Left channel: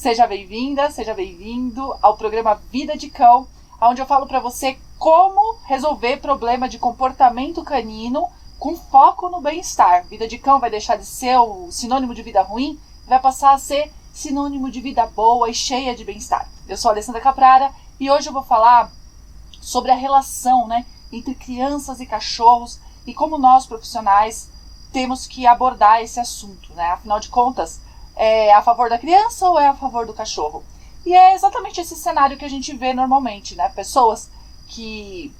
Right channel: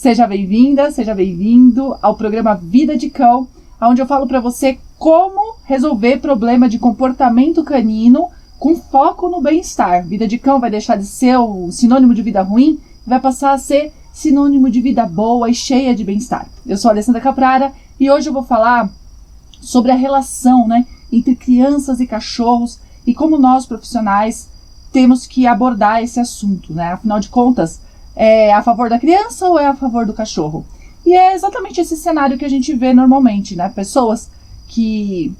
Seja bem-vinda, seja bem-vindo ao programa Vida de Cão, onde eu falo para você como resolver problema de comportamento canino com foco no bem-estar. Vida de Cão vai deixar de ser o sinônimo de vida ruim e vai passar a ser sinônimo de vida boa e cheia de bem-estar. Eu sou a Alessandra Caprara e hoje eu vou falar sobre a relação, entre crianças e cachorros e como nós, profissionais, temos que abordar esse assunto, Afinal de contas, é a favor da criança ou é a favor do cachorro? E é exatamente esse cenário que a gente vê normalmente, Pessoas que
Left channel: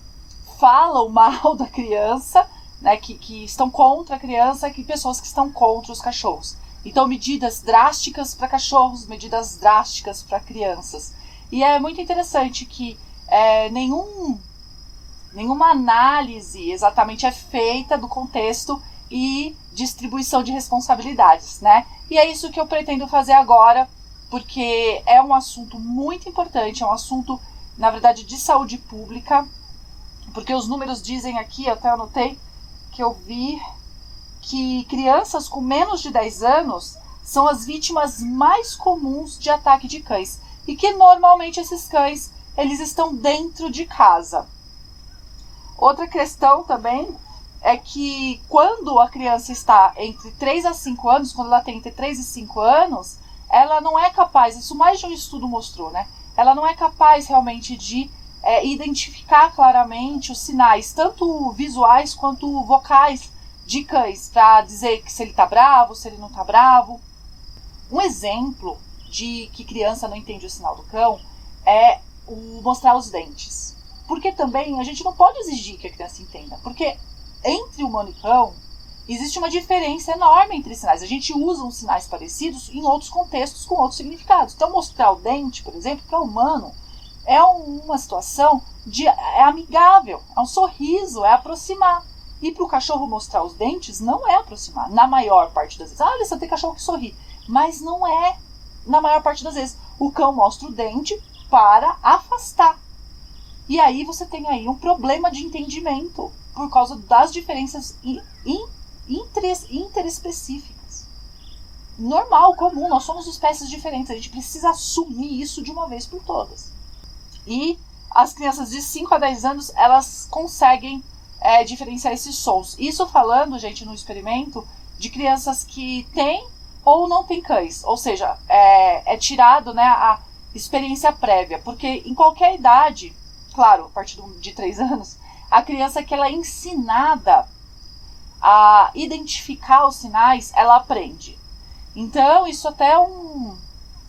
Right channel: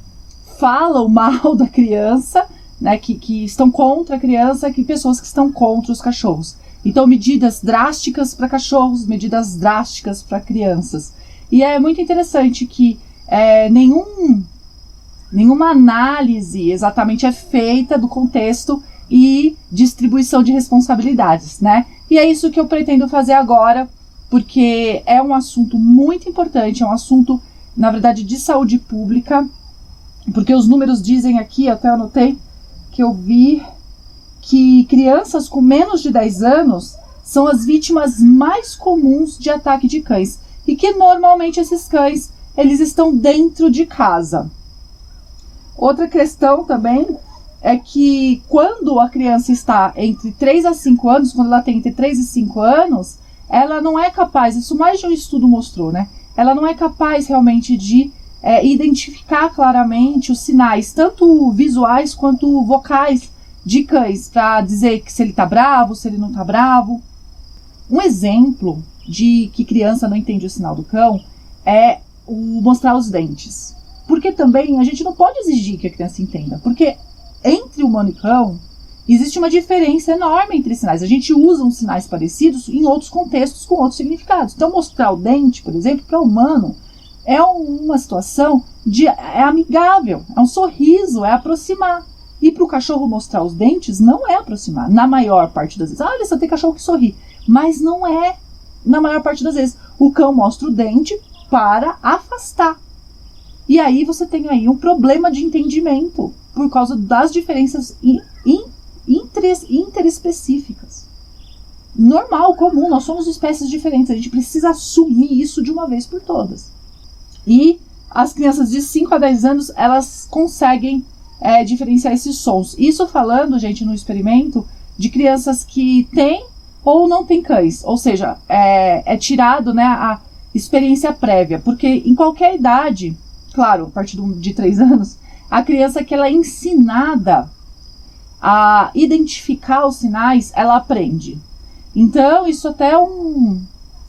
falam mal da criança, que estão contra a criança, e pessoas que estão contra os cachorros. Então, medidas drásticas para cachorros, medidas drásticas para crianças. E é muito interessante que nenhuma análise exatamente é feita do contexto e distribuição de responsabilidades, E é isso que eu pretendo fazer agora, porque é um assunto muito importante, é um assunto, na verdade, de saúde pública, porque os números dizem aqui, até anotei, que eu vi que crianças com menos de 10 anos são as vítimas mais comuns de ataque de cães, e que normalmente esses cães, eles estão dentro de casa. Outra questão também é que quando a criança está entre 3 a 5 anos, quando ela tem entre 3 e 5 anos, ela não é capaz, isso mais de um estudo mostrou, Ela não é capaz realmente de identificar claramente os sinais, tanto visuais quanto vocais de cães, para dizer que se ele está bravo, se ele não está bravo. Um exemplo de que criança não entende o sinal do cão é o mostrar os dentes. Porque também a gente não pode exigir que a criança entenda, porque entre humano e cão existe uma diferença enorme entre sinais. A gente usa uns sinais parecidos em outros contextos com outros significados. Então, mostrar o dente, por exemplo, para o humano é uma situação é amigável, é um sorriso, é aproximar. E para o cachorro mostrar os dentes não é aproximar, na maior parte das vezes. Olha, só tem cachorro que sorri, mas não é na maior parte das vezes. O cão mostra o dente para afastar. E aí você tem aí um problema de entendimento por causa das diferenças interespecíficas. Normal, comum, nós somos espécies diferentes, a gente precisa assumir isso de uma vez por todas. E as crianças de 5 a 10 anos, elas conseguem diferenciar esses sons. Isso falando, gente, no experimento, de crianças que têm ou não têm cães. Ou seja, é tirado a experiência prévia, porque em qualquer idade, claro, a partir de 3 anos, a criança que ela é ensinada a identificar os sinais, ela aprende. Então, isso até é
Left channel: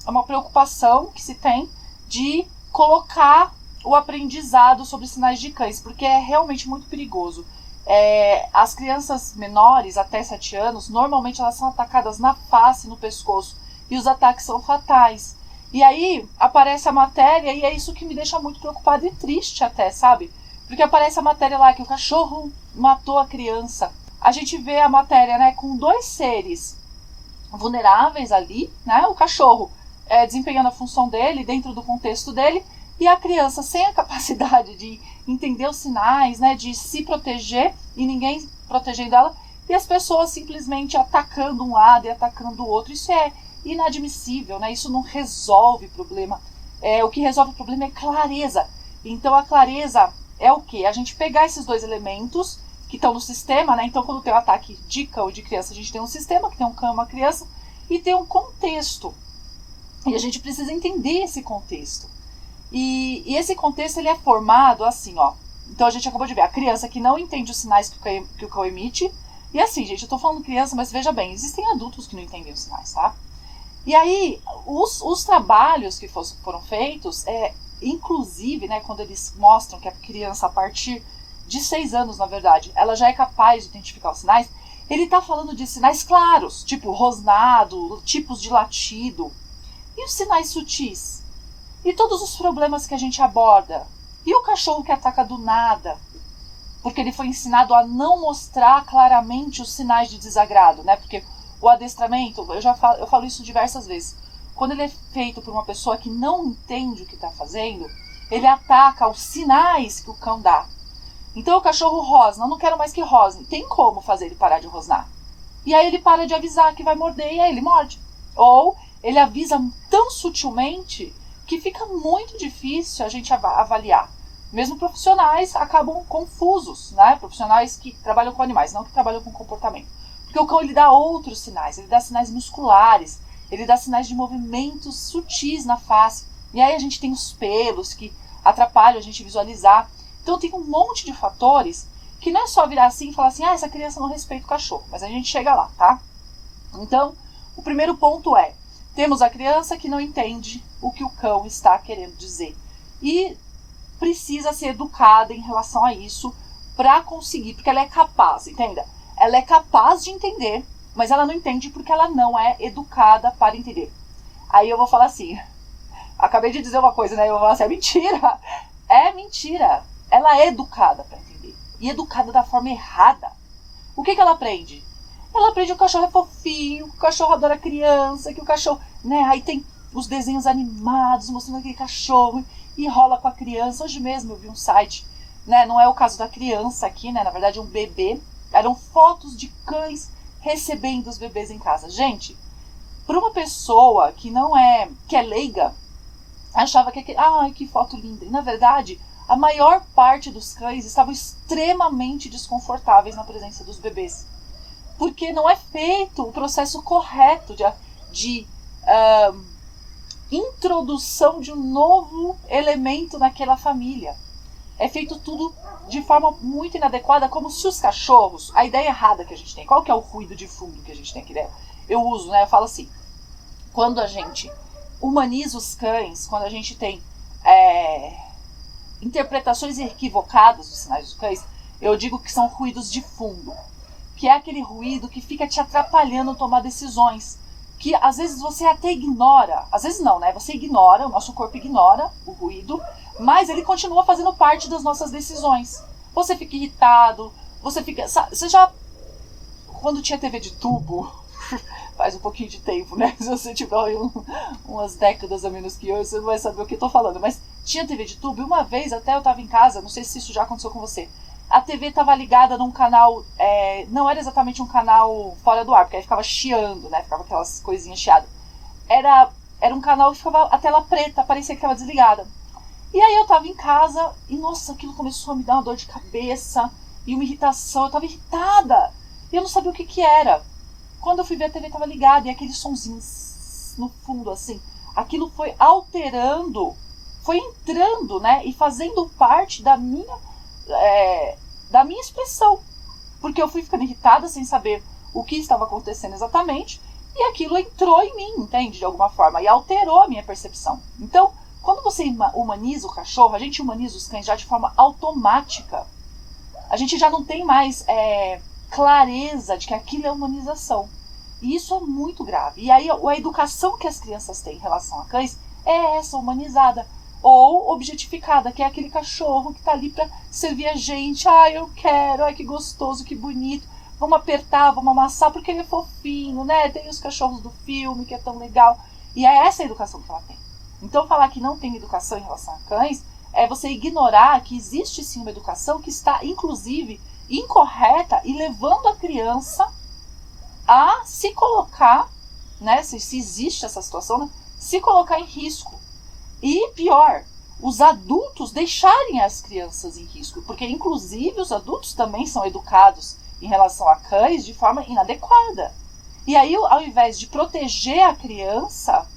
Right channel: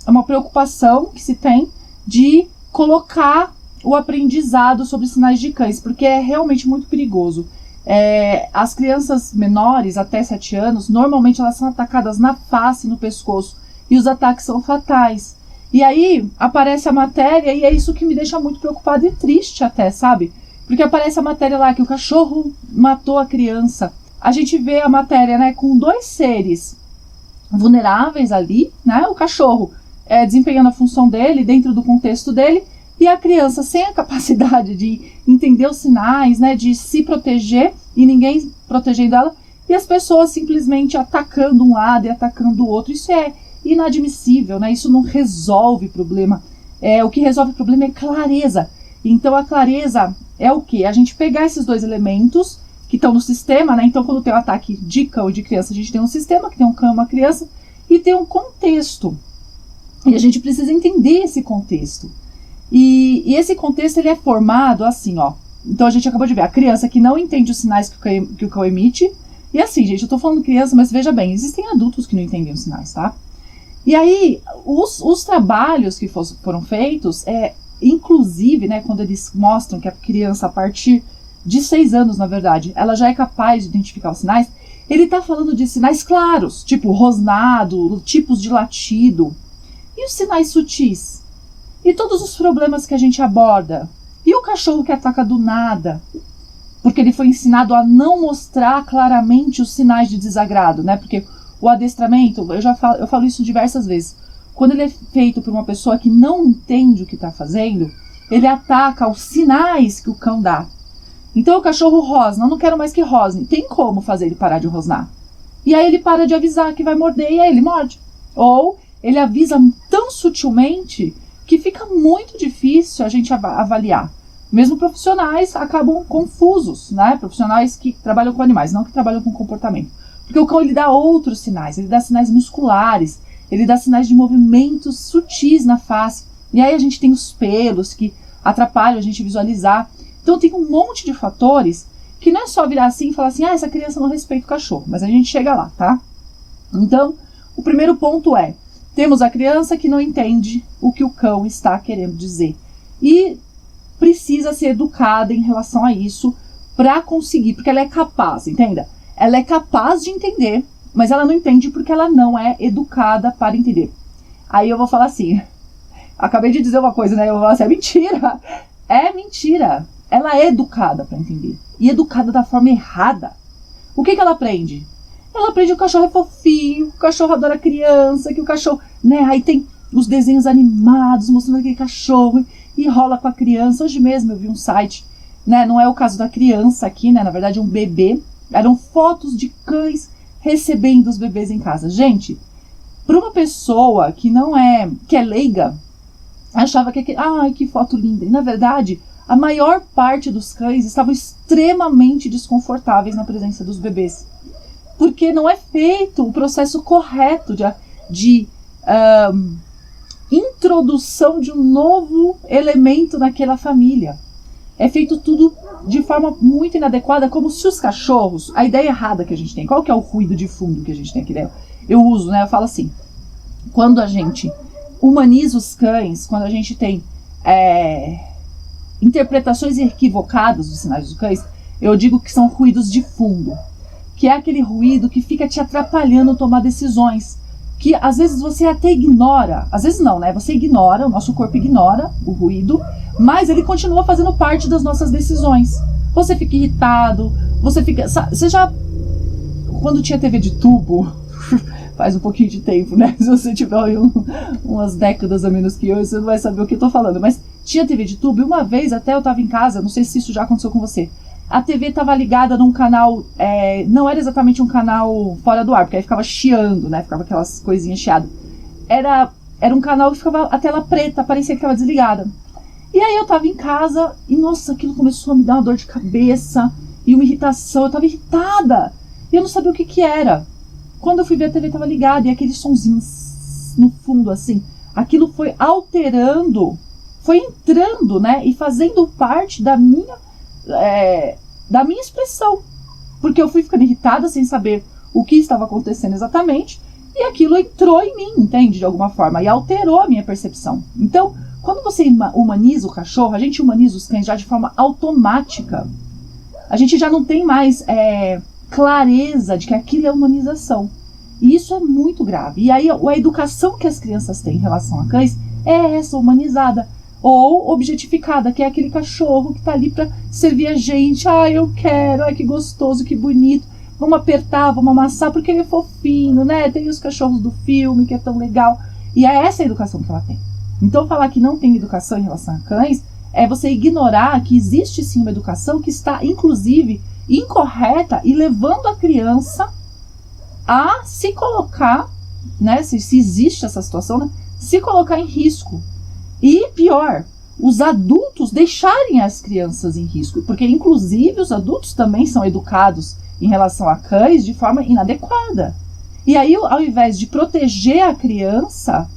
uma preocupação que se tem de colocar o aprendizado sobre sinais de cães, porque é realmente muito perigoso. As crianças menores, até 7 anos, normalmente elas são atacadas na face, no pescoço, e os ataques são fatais. E aí aparece a matéria, e é isso que me deixa muito preocupada e triste até, sabe? Porque aparece a matéria lá que o cachorro matou a criança. A gente vê a matéria, com 2 seres vulneráveis ali, o cachorro desempenhando a função dele, dentro do contexto dele, e a criança sem a capacidade de entender os sinais, de se proteger, e ninguém protegendo ela, e as pessoas simplesmente atacando um lado e atacando o outro. Isso é inadmissível, Isso não resolve o problema. O que resolve o problema é clareza. Então a clareza é o quê? A gente pegar esses 2 elementos que estão no sistema, Então quando tem um ataque de cão e de criança, a gente tem um sistema que tem um cão e uma criança, e tem um contexto. E a gente precisa entender esse contexto. E esse contexto ele é formado assim, ó. Então a gente acabou de ver a criança que não entende os sinais que o cão emite. E assim, gente, eu tô falando criança, mas veja bem, existem adultos que não entendem os sinais, tá? E aí, os trabalhos que foram feitos, inclusive, quando eles mostram que a criança, a partir de 6 anos, na verdade, ela já é capaz de identificar os sinais, ele tá falando de sinais claros, tipo rosnado, tipos de latido. E os sinais sutis? E todos os problemas que a gente aborda? E o cachorro que ataca do nada? Porque ele foi ensinado a não mostrar claramente os sinais de desagrado, Porque o adestramento, eu falo isso diversas vezes, quando ele é feito por uma pessoa que não entende o que está fazendo, ele ataca os sinais que o cão dá. Então o cachorro rosna, eu não quero mais que rosne. Tem como fazer ele parar de rosnar. E aí ele para de avisar que vai morder e aí ele morde. Ou ele avisa tão sutilmente que fica muito difícil a gente avaliar. Mesmo profissionais acabam confusos, né? Profissionais que trabalham com animais, não que trabalham com comportamento. Porque o cão, ele dá outros sinais, ele dá sinais musculares, ele dá sinais de movimentos sutis na face. E aí a gente tem os pelos que atrapalham a gente visualizar. Então tem um monte de fatores que não é só virar assim e falar assim, essa criança não respeita o cachorro. Mas a gente chega lá, tá? Então, o primeiro ponto é, temos a criança que não entende o que o cão está querendo dizer. E precisa ser educada em relação a isso para conseguir, porque ela é capaz, entenda? Ela é capaz de entender, mas ela não entende porque ela não é educada para entender. Aí eu vou falar assim, acabei de dizer uma coisa, né? Eu vou falar assim, é mentira. É mentira. Ela é educada para entender. E educada da forma errada. O que ela aprende? Ela aprende que o cachorro é fofinho, que o cachorro adora criança, que o cachorro, né? Aí tem os desenhos animados mostrando aquele cachorro e rola com a criança. Hoje mesmo eu vi um site, né? Não é o caso da criança aqui, né? Na verdade é um bebê. Eram fotos de cães recebendo os bebês em casa. Gente, para uma pessoa que não é, que é leiga, achava que ai, que foto linda. E na verdade, a maior parte dos cães estavam extremamente desconfortáveis na presença dos bebês. Porque não é feito o processo correto de introdução de um novo elemento naquela família. É feito tudo de forma muito inadequada, como se os cachorros... A ideia errada que a gente tem, qual que é o ruído de fundo que a gente tem aqui? Eu uso, né? Eu falo assim, quando a gente humaniza os cães, quando a gente tem interpretações equivocadas dos sinais dos cães, eu digo que são ruídos de fundo, que é aquele ruído que fica te atrapalhando a tomar decisões, que às vezes você até ignora, às vezes não, né? Você ignora, o nosso corpo ignora o ruído, mas ele continua fazendo parte das nossas decisões. Você fica irritado, você já, quando tinha TV de tubo, faz um pouquinho de tempo, né? Se você tiver umas décadas a menos que eu, você não vai saber o que eu tô falando, mas tinha TV de tubo, e uma vez até eu tava em casa, não sei se isso já aconteceu com você, a TV estava ligada num canal, não era exatamente um canal fora do ar, porque aí ficava chiando, né? Ficava aquelas coisinhas chiadas. Era um canal que ficava a tela preta, parecia que estava desligada. E aí eu tava em casa e, nossa, aquilo começou a me dar uma dor de cabeça e uma irritação. Eu tava irritada e eu não sabia o que era. Quando eu fui ver, a TV estava ligada e aquele sonzinho no fundo, assim, aquilo foi alterando, foi entrando, né? E fazendo parte da minha expressão, porque eu fui ficando irritada sem saber o que estava acontecendo exatamente, e aquilo entrou em mim, entende, de alguma forma, e alterou a minha percepção. Então, quando você humaniza o cachorro, a gente humaniza os cães já de forma automática. A gente já não tem mais clareza de que aquilo é humanização, e isso é muito grave. E aí a educação que as crianças têm em relação a cães é essa, humanizada ou objetificada, que é aquele cachorro que tá ali para servir a gente. Ai, eu quero, ai, que gostoso, que bonito, vamos apertar, vamos amassar, porque ele é fofinho, né? Tem os cachorros do filme, que é tão legal. E é essa a educação que ela tem. Então, falar que não tem educação em relação a cães é você ignorar que existe sim uma educação que está, inclusive, incorreta e levando a criança a se colocar, né? Se existe essa situação, né? Se colocar em risco. E pior, os adultos deixarem as crianças em risco, porque inclusive os adultos também são educados em relação a cães de forma inadequada. E aí, ao invés de proteger a criança,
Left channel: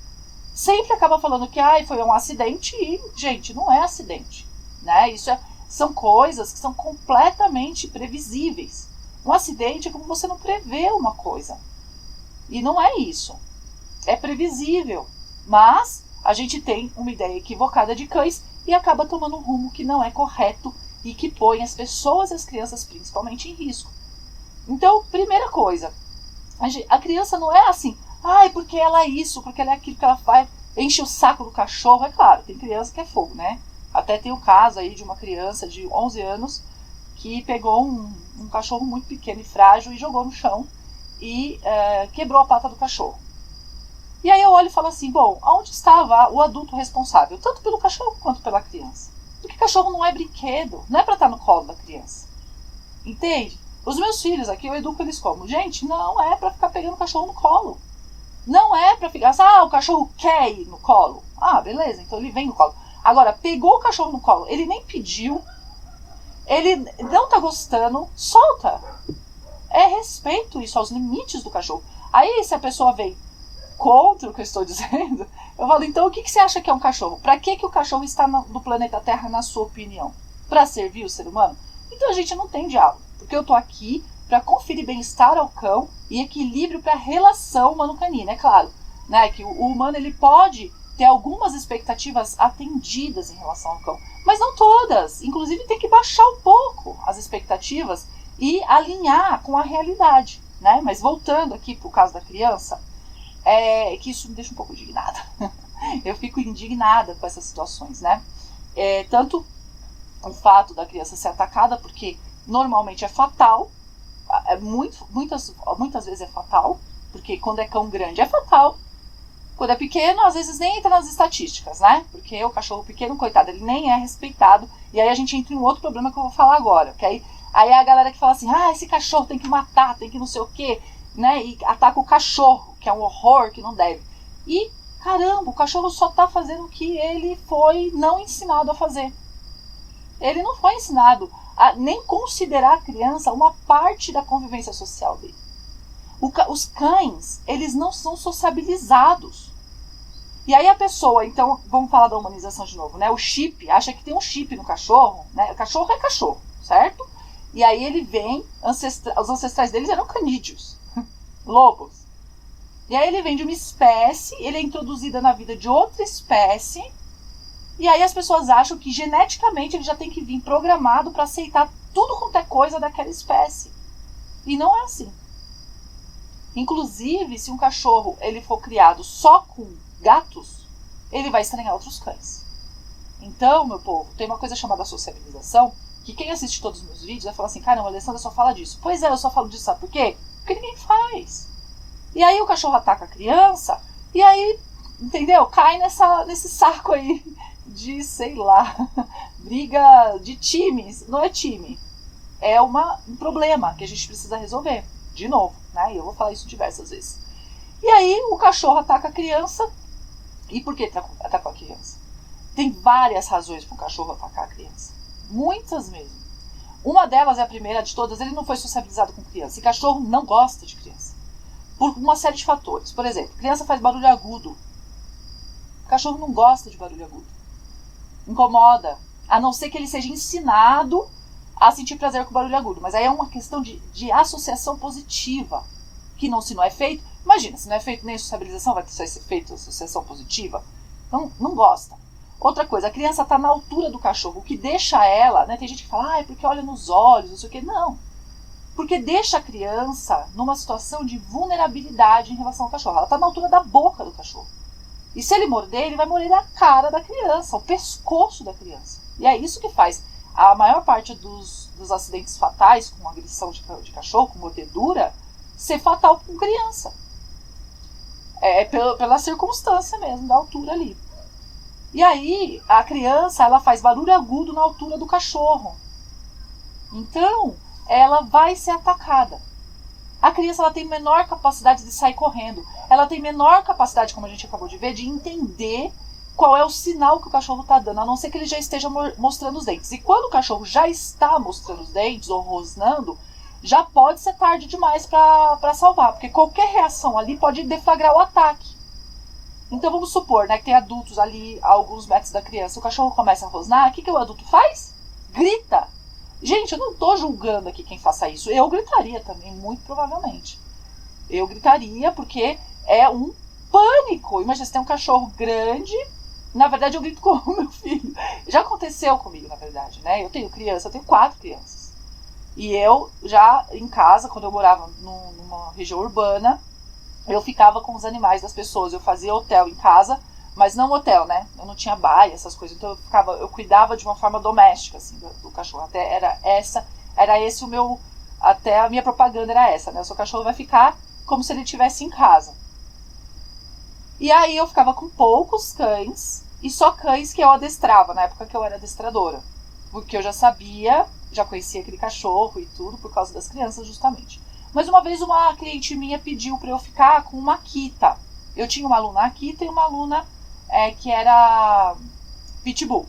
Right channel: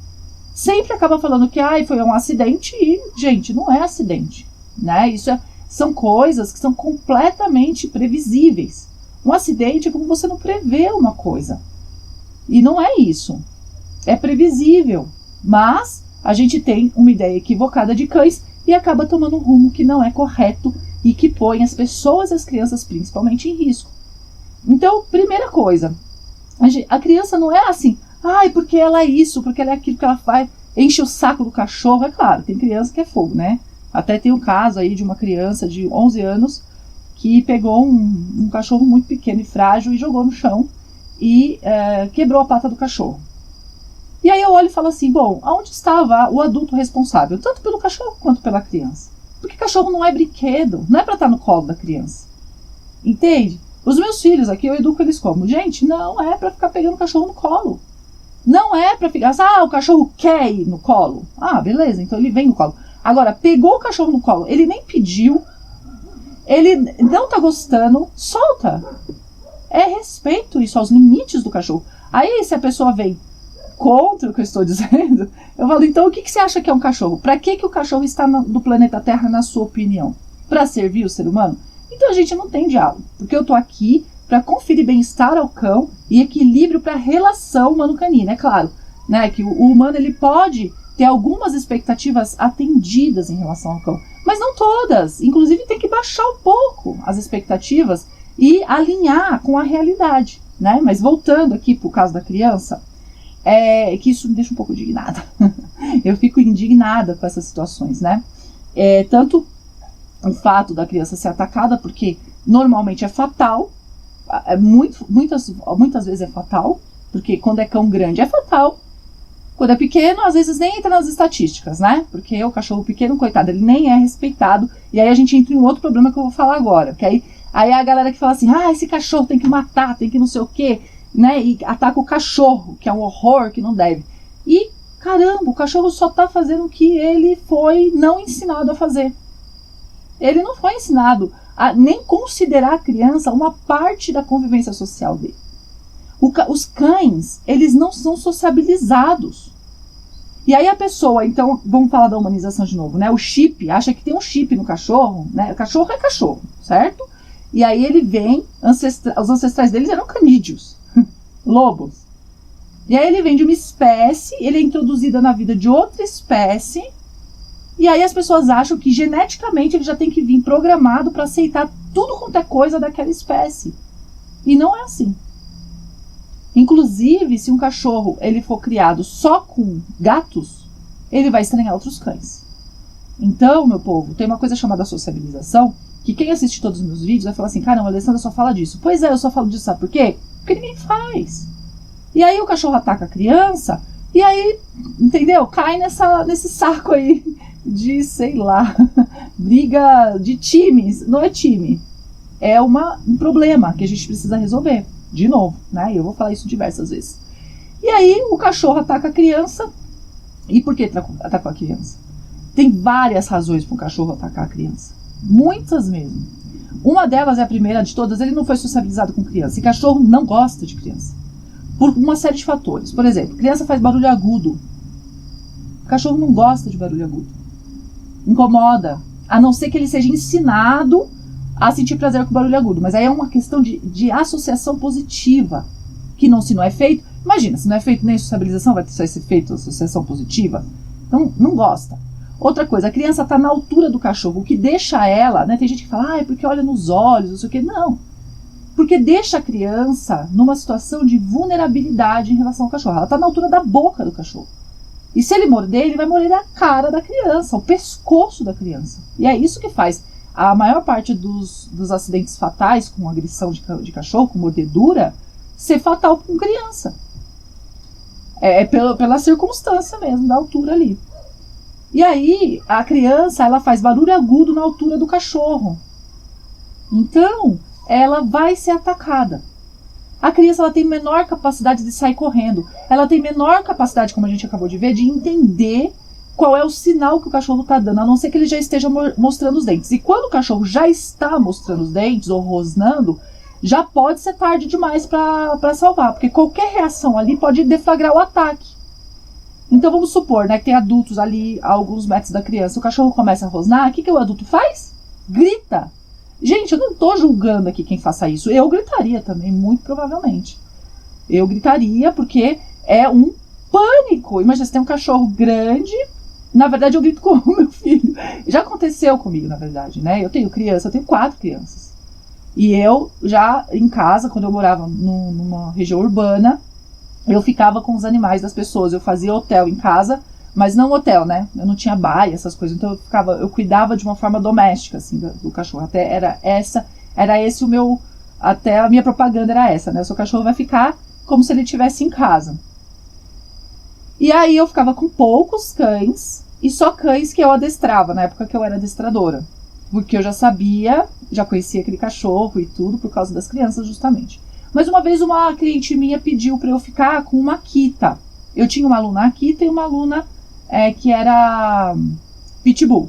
sempre acaba falando que foi um acidente e, gente, não é acidente, né? São coisas que são completamente previsíveis. Um acidente é como você não prevê uma coisa. E não é isso. É previsível, mas a gente tem uma ideia equivocada de cães e acaba tomando um rumo que não é correto e que põe as pessoas e as crianças principalmente em risco. Então, primeira coisa, a criança não é assim, porque ela é isso, porque ela é aquilo que ela faz, enche o saco do cachorro. É claro, tem criança que é fogo, né? Até tem um caso aí de uma criança de 11 anos que pegou um cachorro muito pequeno e frágil e jogou no chão e quebrou a pata do cachorro. E aí eu olho e falo assim, bom, aonde estava o adulto responsável, tanto pelo cachorro quanto pela criança? Porque cachorro não é brinquedo, não é para estar no colo da criança. Entende? Os meus filhos aqui, eu educo eles como? Gente, não é para ficar pegando cachorro no colo. Não é pra ficar assim, o cachorro quer ir no colo. Ah, beleza, então ele vem no colo. Agora, pegou o cachorro no colo, ele nem pediu, ele não tá gostando, solta. É respeito isso, aos limites do cachorro. Aí, se a pessoa vem contra o que eu estou dizendo, eu falo, então o que você acha que é um cachorro? Pra que o cachorro está no planeta Terra, na sua opinião? Pra servir o ser humano? Então a gente não tem diálogo, porque eu tô aqui para conferir bem-estar ao cão e equilíbrio para a relação humano-canina. É claro, né, que o humano ele pode ter algumas expectativas atendidas em relação ao cão, mas não todas. Inclusive tem que baixar um pouco as expectativas e alinhar com a realidade, né? Mas voltando aqui para o caso da criança, que isso me deixa um pouco indignada. Eu fico indignada com essas situações, né? Tanto o fato da criança ser atacada, porque normalmente é fatal, muitas vezes é fatal, porque quando é cão grande é fatal, quando é pequeno às vezes nem entra nas estatísticas, né? Porque o cachorro pequeno, coitado, ele nem é respeitado, e aí a gente entra em um outro problema que eu vou falar agora, porque aí a galera que fala assim, esse cachorro tem que matar, tem que não sei o quê, né? E ataca o cachorro, que é um horror, que não deve. E, caramba, o cachorro só tá fazendo o que ele foi não ensinado a fazer. Ele não foi ensinado a nem considerar a criança uma parte da convivência social dele. Os cães, eles não são sociabilizados. E aí a pessoa, então, vamos falar da humanização de novo, né? O chip, acha que tem um chip no cachorro, né? O cachorro é cachorro, certo? E aí ele vem, os ancestrais deles eram canídeos, lobos. E aí ele vem de uma espécie, ele é introduzido na vida de outra espécie, e aí as pessoas acham que geneticamente ele já tem que vir programado para aceitar tudo quanto é coisa daquela espécie. E não é assim. Inclusive, se um cachorro ele for criado só com gatos, ele vai estranhar outros cães. Então, meu povo, tem uma coisa chamada sociabilização, que quem assiste todos os meus vídeos vai falar assim, caramba, a Alessandra só fala disso. Pois é, eu só falo disso, sabe por quê? Porque ninguém faz. E aí o cachorro ataca a criança, e aí, entendeu? Cai nesse saco aí de, sei lá, briga de times. Não é time, é um problema que a gente precisa resolver. De novo, né? E eu vou falar isso diversas vezes. E aí o cachorro ataca a criança. E por que atacou a criança? Tem várias razões para um cachorro atacar a criança. Muitas mesmo. Uma delas é a primeira de todas, ele não foi sociabilizado com criança. E cachorro não gosta de criança. Por uma série de fatores. Por exemplo, criança faz barulho agudo. O cachorro não gosta de barulho agudo. Incomoda. A não ser que ele seja ensinado a sentir prazer com o barulho agudo. Mas aí é uma questão de associação positiva. Que não, se não é feito... Imagina, se não é feito nem sociabilização, vai ser feito associação positiva. Então, não gosta. Outra coisa, a criança está na altura do cachorro, o que deixa ela... Né, tem gente que fala, é porque olha nos olhos, não sei o quê. Não. Porque deixa a criança numa situação de vulnerabilidade em relação ao cachorro. Ela está na altura da boca do cachorro. E se ele morder, ele vai morder a cara da criança, o pescoço da criança. E é isso que faz a maior parte dos acidentes fatais com agressão de cachorro, com mordedura, ser fatal com criança. Pela circunstância mesmo, da altura ali. E aí, a criança, ela faz barulho agudo na altura do cachorro. Então, ela vai ser atacada. A criança, ela tem menor capacidade de sair correndo. Ela tem menor capacidade, como a gente acabou de ver, de entender qual é o sinal que o cachorro está dando, a não ser que ele já esteja mostrando os dentes. E quando o cachorro já está mostrando os dentes ou rosnando, já pode ser tarde demais para salvar, porque qualquer reação ali pode deflagrar o ataque. Então vamos supor, né, que tem adultos ali a alguns metros da criança, o cachorro começa a rosnar, o que o adulto faz? Grita. Gente, eu não estou julgando aqui quem faça isso, eu gritaria também, muito provavelmente. Eu gritaria porque é um pânico. Imagina, você tem um cachorro grande. Na verdade, eu grito com o meu filho. Já aconteceu comigo, na verdade, né? Eu tenho 4 crianças. E eu já, em casa, quando eu morava numa região urbana, eu ficava com os animais das pessoas. Eu fazia hotel em casa, mas não hotel, né? Eu não tinha baia, essas coisas. Então eu cuidava de uma forma doméstica, assim, do cachorro. Até era esse o meu... Até a minha propaganda era essa, né? O seu cachorro vai ficar como se ele estivesse em casa. E aí eu ficava com poucos cães, e só cães que eu adestrava, na época que eu era adestradora. Porque eu já sabia, já conhecia aquele cachorro e tudo, por causa das crianças, justamente. Mas uma vez uma cliente minha pediu para eu ficar com uma Akita. Eu tinha uma aluna aqui, tem uma aluna que era pitbull.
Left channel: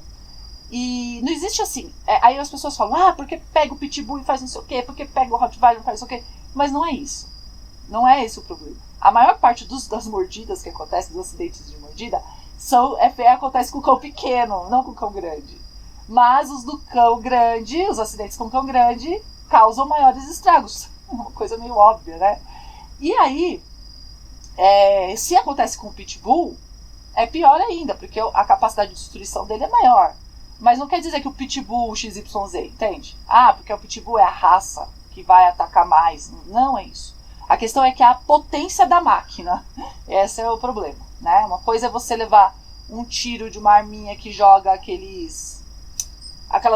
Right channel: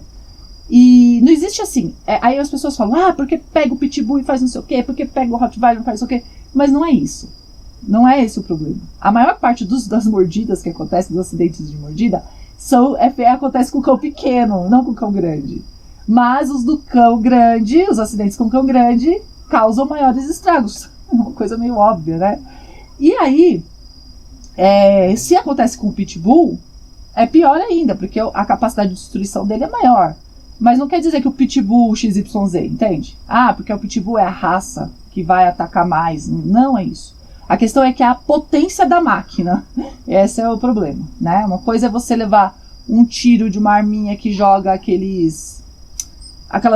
E não existe assim. Aí as pessoas falam, porque pega o pitbull e faz não sei o quê, porque pega o Rottweiler e faz não sei o quê. Mas não é isso. Não é esse o problema. A maior parte das mordidas que acontecem, dos acidentes de mordida, acontece com o cão pequeno, não com o cão grande. Mas os do cão grande, os acidentes com o cão grande, causam maiores estragos. Uma coisa meio óbvia, né? E aí, se acontece com o pitbull, é pior ainda, porque a capacidade de destruição dele é maior. Mas não quer dizer que o pitbull XYZ, entende? Porque o pitbull é a raça que vai atacar mais. Não é isso. A questão é que é a potência da máquina. Esse é o problema, né? Uma coisa é você levar um tiro de uma arminha que joga aquelas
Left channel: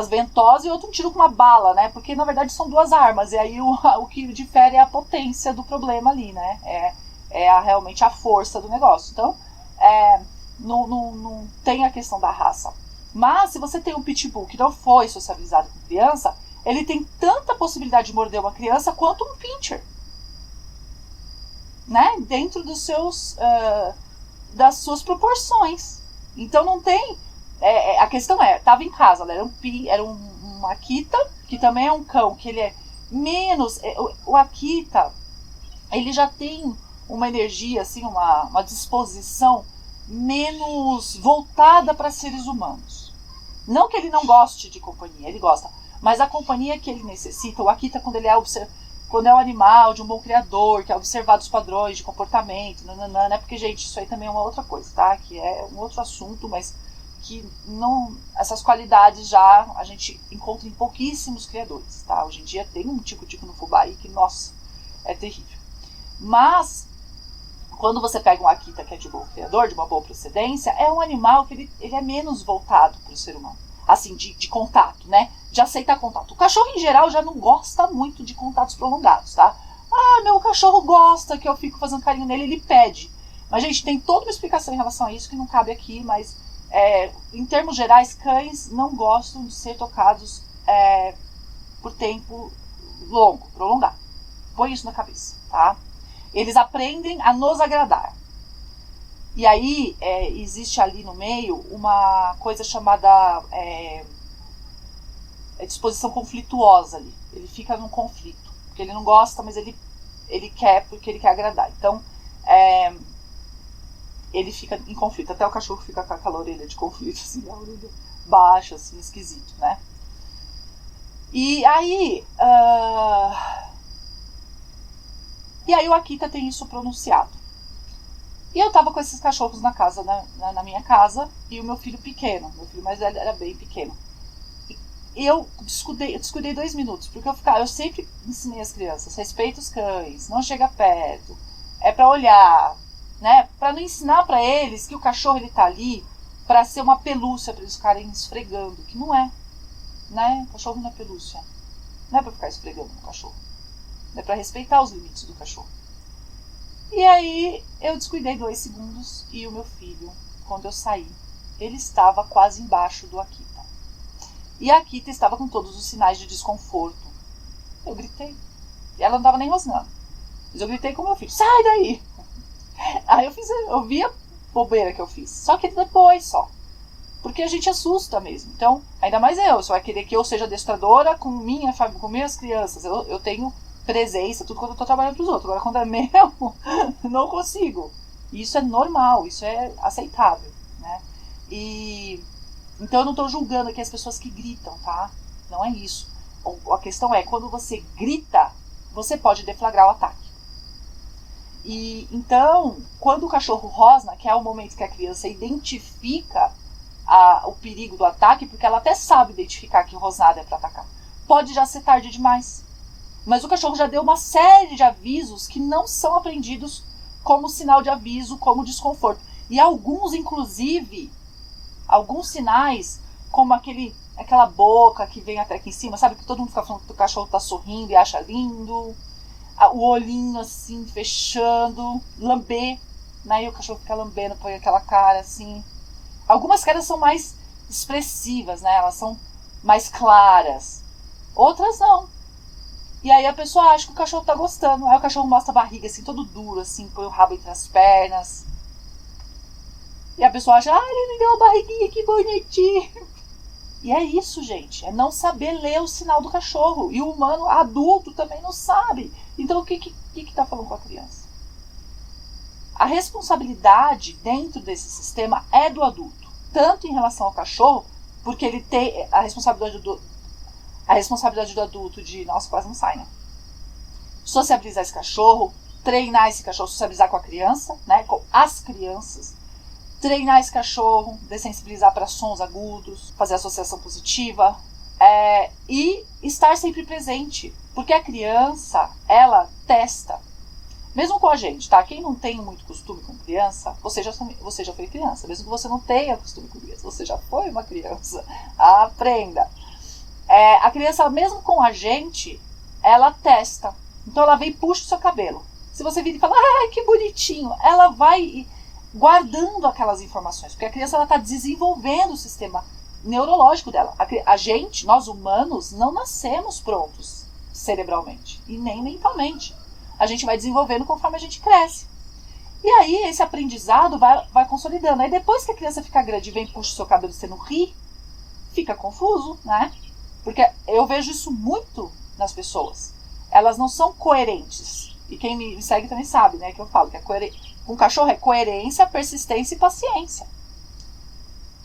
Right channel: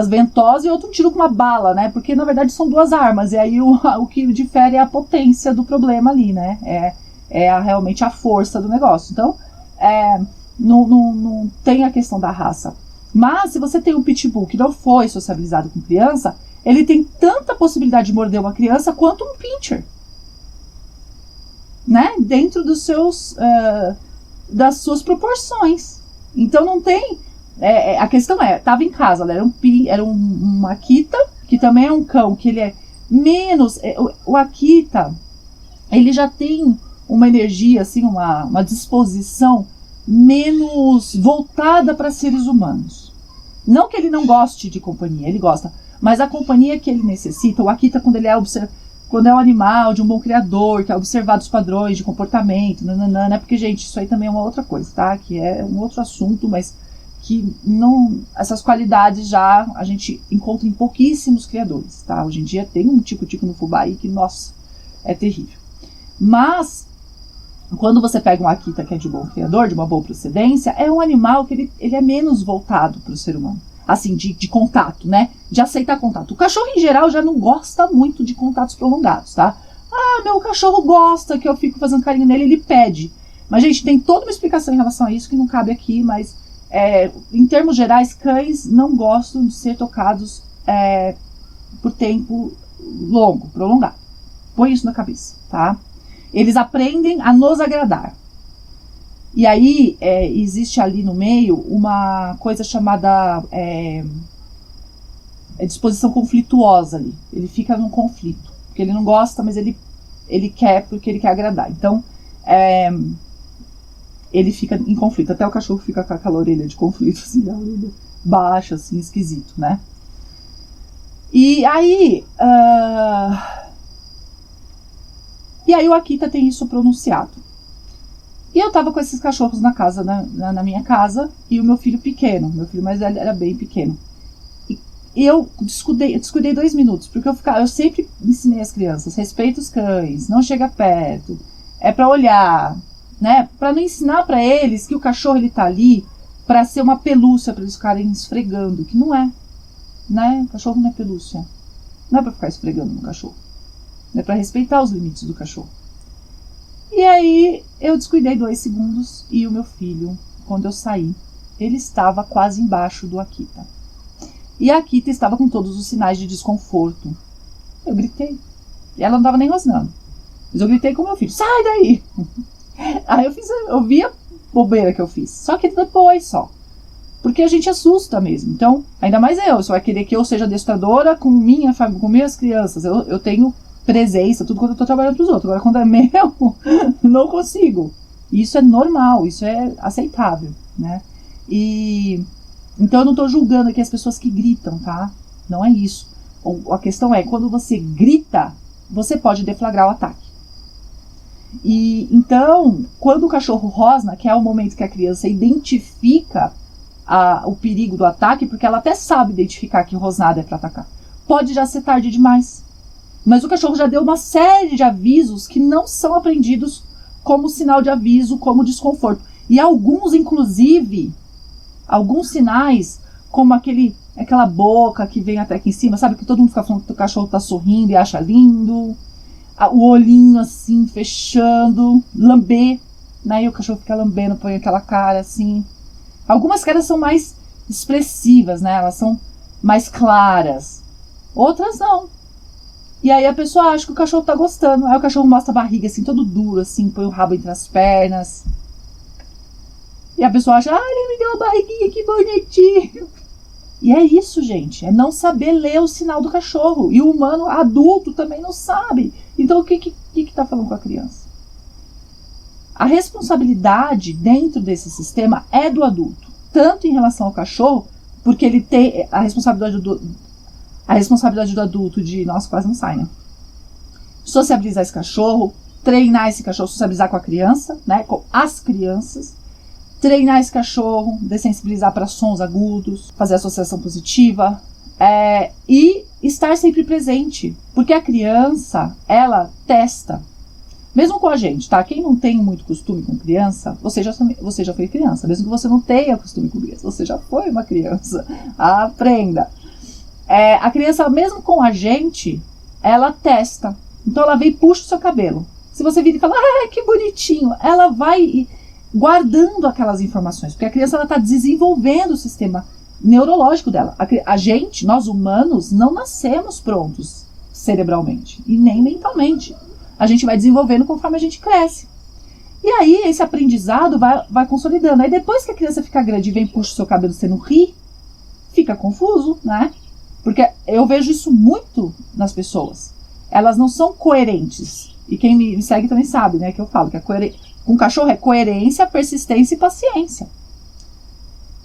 ventosas e outro tiro com uma bala, né? Porque na verdade são duas armas. E aí o que difere é a potência do problema ali, né? Realmente a força do negócio. Então, não tem a questão da raça. Mas se você tem um pitbull que não foi socializado com criança, ele tem tanta possibilidade de morder uma criança quanto um pincher, né? Dentro das suas proporções. Então não tem. A questão estava em casa, era um Akita, que também é um cão, que ele é menos. O Akita, ele já tem uma energia, assim, uma disposição menos voltada para seres humanos. Não que ele não goste de companhia, ele gosta, mas a companhia que ele necessita, o Akita, quando é um animal de um bom criador, que é observado os padrões de comportamento, né? Porque, gente, isso aí também é uma outra coisa, tá? Que é um outro assunto, mas que não, essas qualidades já a gente encontra em pouquíssimos criadores, tá? Hoje em dia tem um tico-tico no fubá aí que, nossa, é terrível. Mas quando você pega um Akita que é de bom criador, de uma boa procedência, é um animal que ele é menos voltado para o ser humano. Assim, de contato, né? De aceitar contato. O cachorro, em geral, já não gosta muito de contatos prolongados, tá? Meu cachorro gosta que eu fico fazendo carinho nele, ele pede. Mas, gente, tem toda uma explicação em relação a isso que não cabe aqui, mas, em termos gerais, cães não gostam de ser tocados por tempo longo, prolongado. Põe isso na cabeça, tá? Eles aprendem a nos agradar. E aí existe ali no meio uma coisa chamada disposição conflituosa ali. Ele fica num conflito, porque ele não gosta, mas ele quer porque ele quer agradar. Então, ele fica em conflito. Até o cachorro fica com aquela orelha de conflito, assim, a orelha baixa, assim, esquisito, né? E aí... E aí o Akita tem isso pronunciado. E eu tava com esses cachorros na casa, na minha casa, e o meu filho pequeno, meu filho mais velho era bem pequeno. E eu descuidei 2 minutos, porque eu sempre ensinei as crianças, respeita os cães, não chega perto, é pra olhar, né? Pra não ensinar pra eles que o cachorro ele tá ali pra ser uma pelúcia, pra eles ficarem esfregando, que não é, né? O cachorro não é pelúcia, não é pra ficar esfregando no cachorro. É para respeitar os limites do cachorro. E aí eu descuidei 2 segundos e o meu filho, quando eu saí, ele estava quase embaixo do Akita. E a Akita estava com todos os sinais de desconforto. Eu gritei. E ela não estava nem rosnando. Mas eu gritei com o meu filho, sai daí! Aí eu vi a bobeira que eu fiz. Só que depois só. Porque a gente assusta mesmo. Então, ainda mais você vai querer que eu seja adestradora com minha família, com minhas crianças. Eu tenho presença, tudo quando eu tô trabalhando pros outros. Agora, quando é meu, não consigo. Isso é normal, isso é aceitável, né? Então eu não tô julgando aqui as pessoas que gritam, tá? Não é isso. A questão é, quando você grita, você pode deflagrar o ataque. E então, quando o cachorro rosna, que é o momento que a criança identifica o perigo do ataque, porque ela até sabe identificar que rosnada é para atacar, pode já ser tarde demais. Mas o cachorro já deu uma série de avisos que não são apreendidos como sinal de aviso, como desconforto. E alguns, inclusive, alguns sinais, como aquela boca que vem até aqui em cima, sabe? Que todo mundo fica falando que o cachorro tá sorrindo e acha lindo. O olhinho assim, fechando, lamber, né? E o cachorro fica lambendo, põe aquela cara assim. Algumas caras são mais expressivas, né? Elas são mais claras. Outras não. E aí a pessoa acha que o cachorro tá gostando. Aí o cachorro mostra a barriga assim, todo duro, assim, põe o rabo entre as pernas. E a pessoa acha, ele me deu uma barriguinha, que bonitinho. E é isso, gente, é não saber ler o sinal do cachorro. E o humano adulto também não sabe. Então o que tá falando com a criança? A responsabilidade dentro desse sistema é do adulto, tanto em relação ao cachorro, porque ele tem a responsabilidade do adulto de, nossa, quase não sai, né? Sociabilizar esse cachorro, treinar esse cachorro, sociabilizar com a criança, né? Com as crianças, treinar esse cachorro, dessensibilizar para sons agudos, fazer associação positiva, e estar sempre presente, porque a criança, ela testa. Mesmo com a gente, tá? Quem não tem muito costume com criança, você já foi criança. Mesmo que você não tenha costume com criança, você já foi uma criança. Aprenda. A criança, mesmo com a gente, ela testa. Então ela vem e puxa o seu cabelo. Se você vir e fala, que bonitinho, ela vai guardando aquelas informações. Porque a criança, ela está desenvolvendo o sistema neurológico dela. A gente, nós humanos, não nascemos prontos cerebralmente e nem mentalmente. A gente vai desenvolvendo conforme a gente cresce. E aí, esse aprendizado vai consolidando. Aí, depois que a criança fica grande e vem e puxa o seu cabelo, você não ri, fica confuso, né? Porque eu vejo isso muito nas pessoas. Elas não são coerentes. E quem me segue também sabe, né? Que eu falo que com cachorro é coerência, persistência e paciência.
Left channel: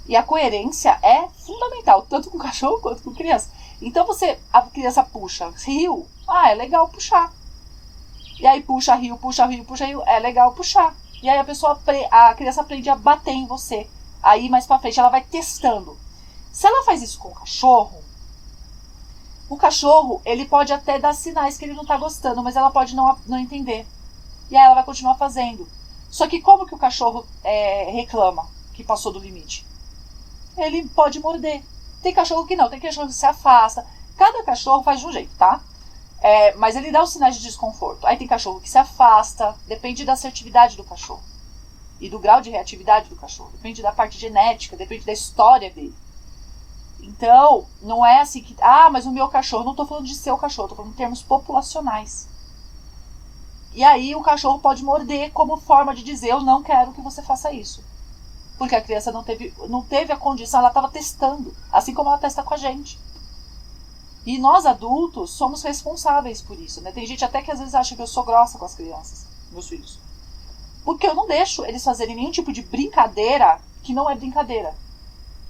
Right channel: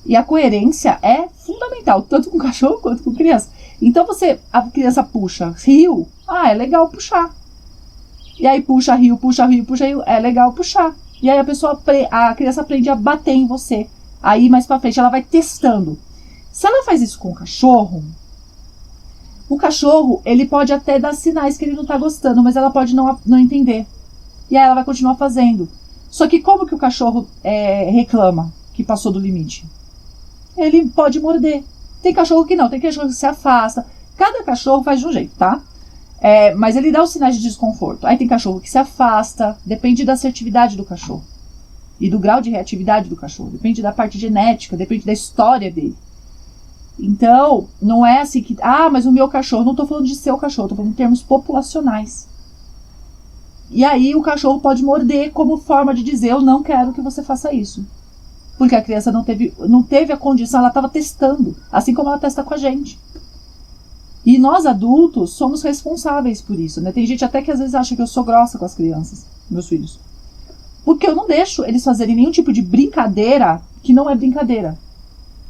E a coerência é fundamental, tanto com cachorro quanto com criança. Então, a criança puxa, riu, é legal puxar. E aí puxa, rio, é legal puxar. E aí a criança aprende a bater em você. Aí mais pra frente ela vai testando. Se ela faz isso com o cachorro ele pode até dar sinais que ele não tá gostando, mas ela pode não entender. E aí ela vai continuar fazendo. Só que como que o cachorro reclama que passou do limite? Ele pode morder. Tem cachorro que não, tem cachorro que se afasta. Cada cachorro faz de um jeito, tá? Mas ele dá os sinais de desconforto. Aí tem cachorro que se afasta, depende da assertividade do cachorro. E do grau de reatividade do cachorro. Depende da parte genética, depende da história dele. Então, não é assim que... mas o meu cachorro... Não estou falando de seu cachorro, estou falando em termos populacionais. E aí o cachorro pode morder como forma de dizer, eu não quero que você faça isso. Porque a criança não teve a condição, ela estava testando. Assim como ela testa com a gente. E nós adultos somos responsáveis por isso, né? Tem gente até que às vezes acha que eu sou grossa com as crianças, meus filhos. Porque eu não deixo eles fazerem nenhum tipo de brincadeira que não é brincadeira.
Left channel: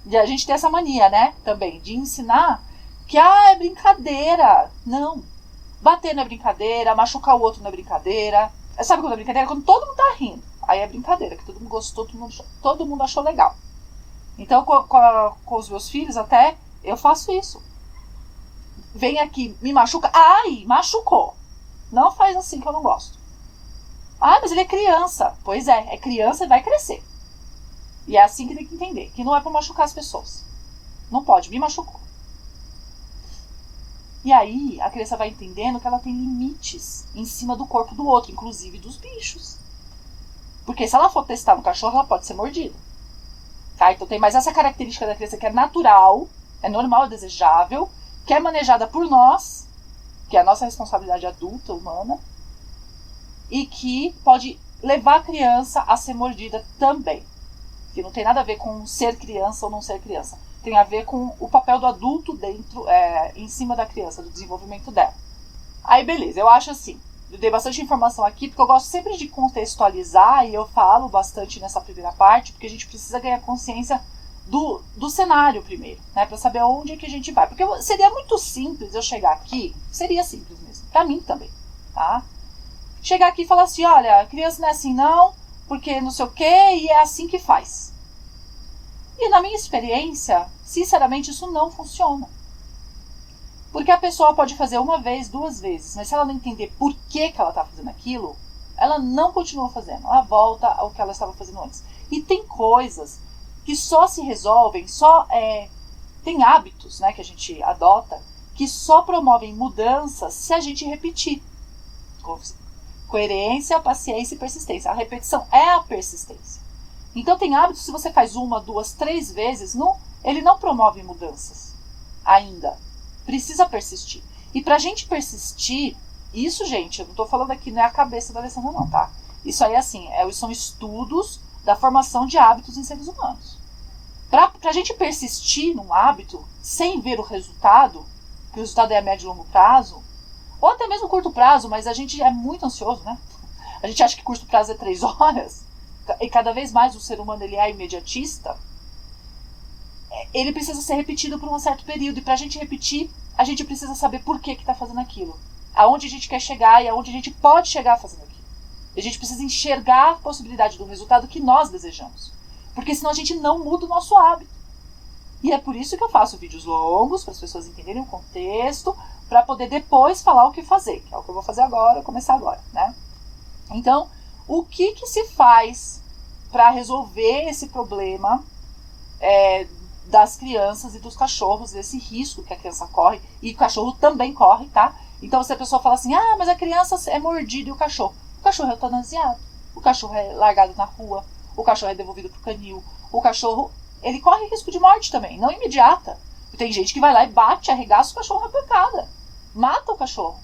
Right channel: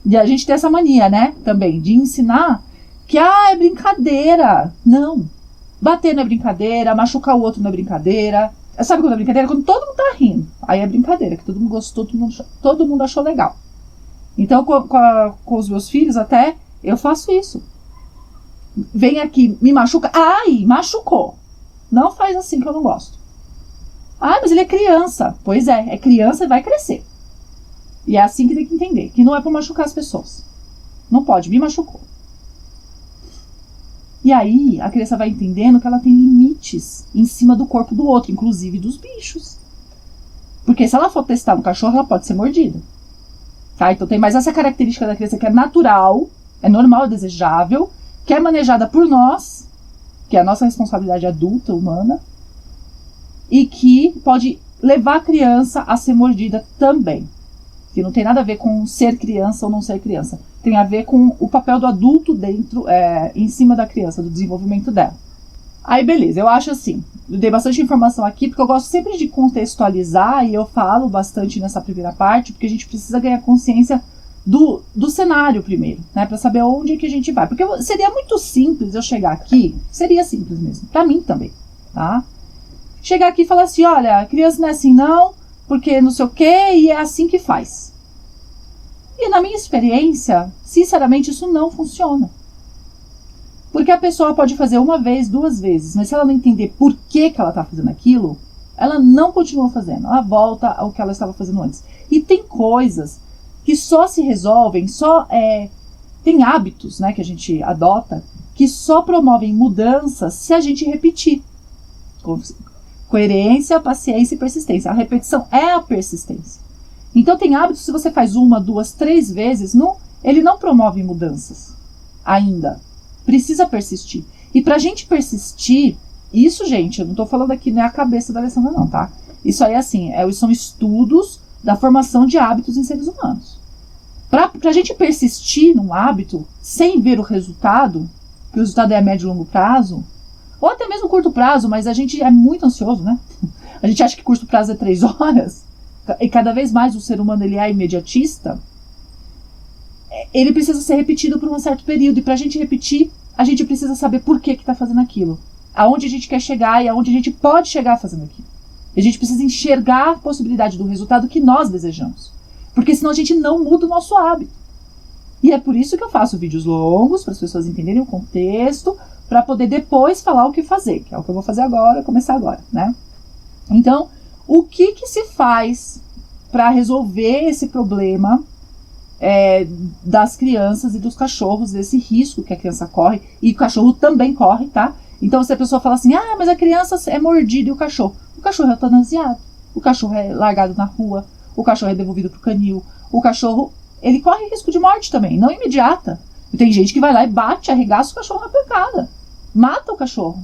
E a gente tem essa mania, né? Também, de ensinar que, é brincadeira. Não. Bater não é brincadeira, machucar o outro não é brincadeira. Sabe quando é brincadeira? Quando todo mundo tá rindo. Aí é brincadeira, que todo mundo gostou, todo mundo achou legal. Então, com os meus filhos até, eu faço isso. Vem aqui, me machuca. Machucou. Não faz assim que eu não gosto. Mas ele é criança. Pois é criança e vai crescer. E é assim que tem que entender, que não é pra machucar as pessoas. Não pode, me machucou. E aí, a criança vai entendendo que ela tem limites em cima do corpo do outro, inclusive dos bichos. Porque se ela for testar no cachorro, ela pode ser mordida. Tá? Então tem mais essa característica da criança que é natural, é normal, é desejável, que é manejada por nós, que é a nossa responsabilidade adulta, humana, e que pode levar a criança a ser mordida também. Que não tem nada a ver com ser criança ou não ser criança. Tem a ver com o papel do adulto dentro, em cima da criança, do desenvolvimento dela. Aí, beleza, eu acho assim, eu dei bastante informação aqui, porque eu gosto sempre de contextualizar, e eu falo bastante nessa primeira parte, porque a gente precisa ganhar consciência do cenário primeiro, né, para saber onde é que a gente vai. Porque seria muito simples eu chegar aqui, seria simples mesmo, para mim também, tá? Chegar aqui e falar assim, olha, a criança não é assim não, porque não sei o que, e é assim que faz. E na minha experiência, sinceramente, isso não funciona. Porque a pessoa pode fazer uma vez, duas vezes, mas se ela não entender por que ela está fazendo aquilo, ela não continua fazendo, ela volta ao que ela estava fazendo antes. E tem coisas que só se resolvem, tem hábitos, né, que a gente adota, que só promovem mudanças se a gente repetir. Coerência, paciência e persistência. A repetição é a persistência. Então tem hábitos, se você faz uma, duas, três vezes, ele não promove mudanças ainda. Precisa persistir. E pra gente persistir, isso, gente, eu não tô falando aqui, não é a cabeça da Alessandra não, tá? Isso aí, assim, são estudos da formação de hábitos em seres humanos. Para a gente persistir num hábito sem ver o resultado, que o resultado é a médio e longo prazo, ou até mesmo curto prazo, mas a gente é muito ansioso, né? A gente acha que curto prazo é 3 horas, e cada vez mais o ser humano ele é imediatista. Ele precisa ser repetido por um certo período, e para a gente repetir, a gente precisa saber por que está fazendo aquilo, aonde a gente quer chegar e aonde a gente pode chegar fazendo aquilo. A gente precisa enxergar a possibilidade do resultado que nós desejamos, porque senão a gente não muda o nosso hábito. E é por isso que eu faço vídeos longos, para as pessoas entenderem o contexto, para poder depois falar o que fazer, que é o que eu vou fazer agora, começar agora, né? Então, o que se faz para resolver esse problema das crianças e dos cachorros, desse risco que a criança corre, e o cachorro também corre, tá? Então, se a pessoa fala assim, mas a criança é mordida e o cachorro é eutanasiado, o cachorro é largado na rua, o cachorro é devolvido pro canil, o cachorro, ele corre risco de morte também, não imediata. E tem gente que vai lá e bate, arregaça o cachorro na pancada, mata o cachorro,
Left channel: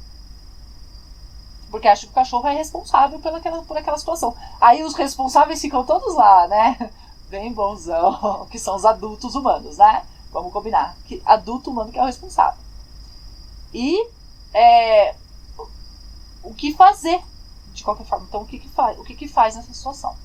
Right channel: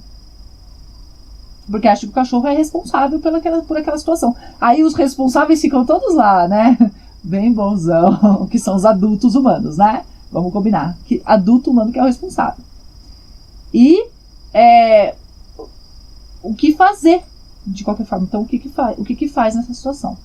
porque acha que o cachorro é responsável por aquela situação. Aí os responsáveis ficam todos lá, né? Bem bonzão, que são os adultos humanos, né? Vamos combinar. Que adulto humano que é o responsável. E o que fazer, de qualquer forma? Então, o que faz nessa situação?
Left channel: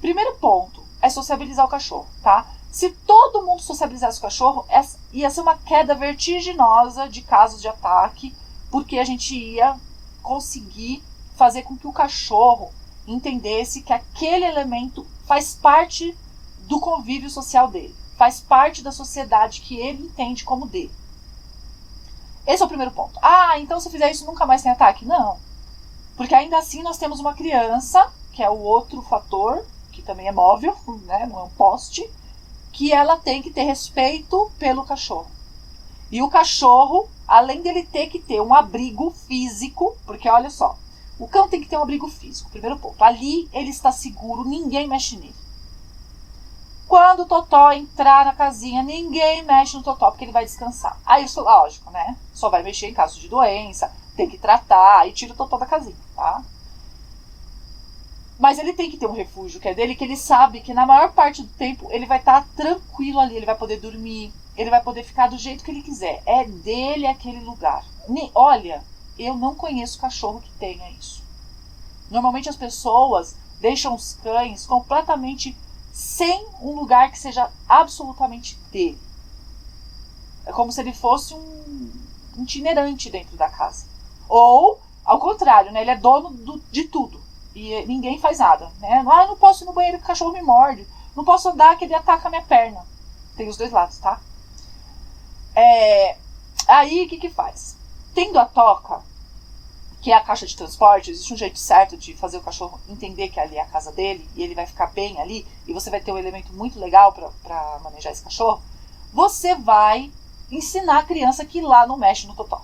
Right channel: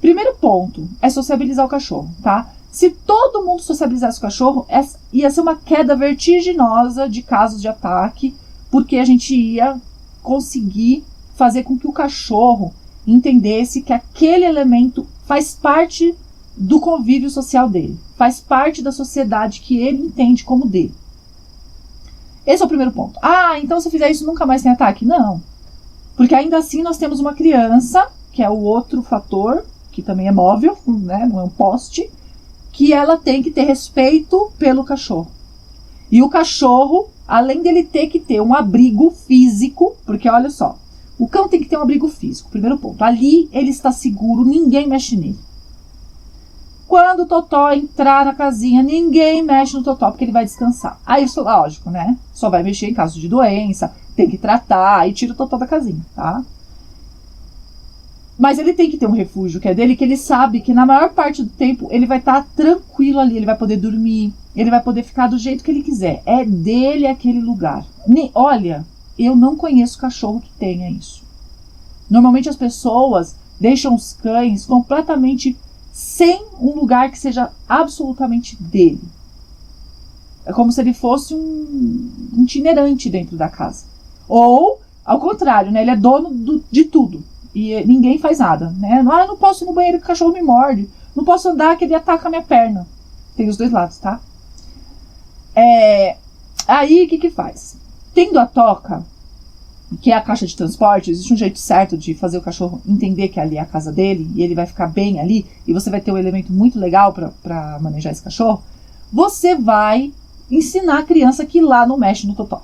Primeiro ponto é sociabilizar o cachorro, tá? Se todo mundo sociabilizasse o cachorro, ia ser uma queda vertiginosa de casos de ataque, porque a gente ia conseguir fazer com que o cachorro entendesse que aquele elemento faz parte do convívio social dele, faz parte da sociedade que ele entende como dele. Esse é o primeiro ponto. Então se fizer isso nunca mais tem ataque? Não. Porque ainda assim nós temos uma criança, que é o outro fator, que também é móvel, né? Não é um poste, que ela tem que ter respeito pelo cachorro. E o cachorro, além dele ter que ter um abrigo físico, porque olha só, o cão tem que ter um abrigo físico, primeiro ponto. Ali ele está seguro, ninguém mexe nele. Quando o Totó entrar na casinha, ninguém mexe no Totó, porque ele vai descansar. Aí isso, lógico, né? Só vai mexer em caso de doença, tem que tratar, aí tira o Totó da casinha, tá? Mas ele tem que ter um refúgio que é dele, que ele sabe que na maior parte do tempo ele vai estar tranquilo ali, ele vai poder dormir, ele vai poder ficar do jeito que ele quiser. É dele aquele lugar. Olha, eu não conheço cachorro que tenha isso. Normalmente as pessoas deixam os cães completamente sem um lugar que seja absolutamente dele. É como se ele fosse um itinerante dentro da casa. Ou, ao contrário, né? Ele é dono de tudo. E ninguém faz nada, né? Eu não posso ir no banheiro que o cachorro me morde. Não posso andar que ele ataca a minha perna. Tem os dois lados, tá? Aí, o que faz? Tendo a toca, que é a caixa de transporte, existe um jeito certo de fazer o cachorro entender que ali é a casa dele, e ele vai ficar bem ali, e você vai ter um elemento muito legal para manejar esse cachorro. Você vai ensinar a criança que lá não mexe no Totó.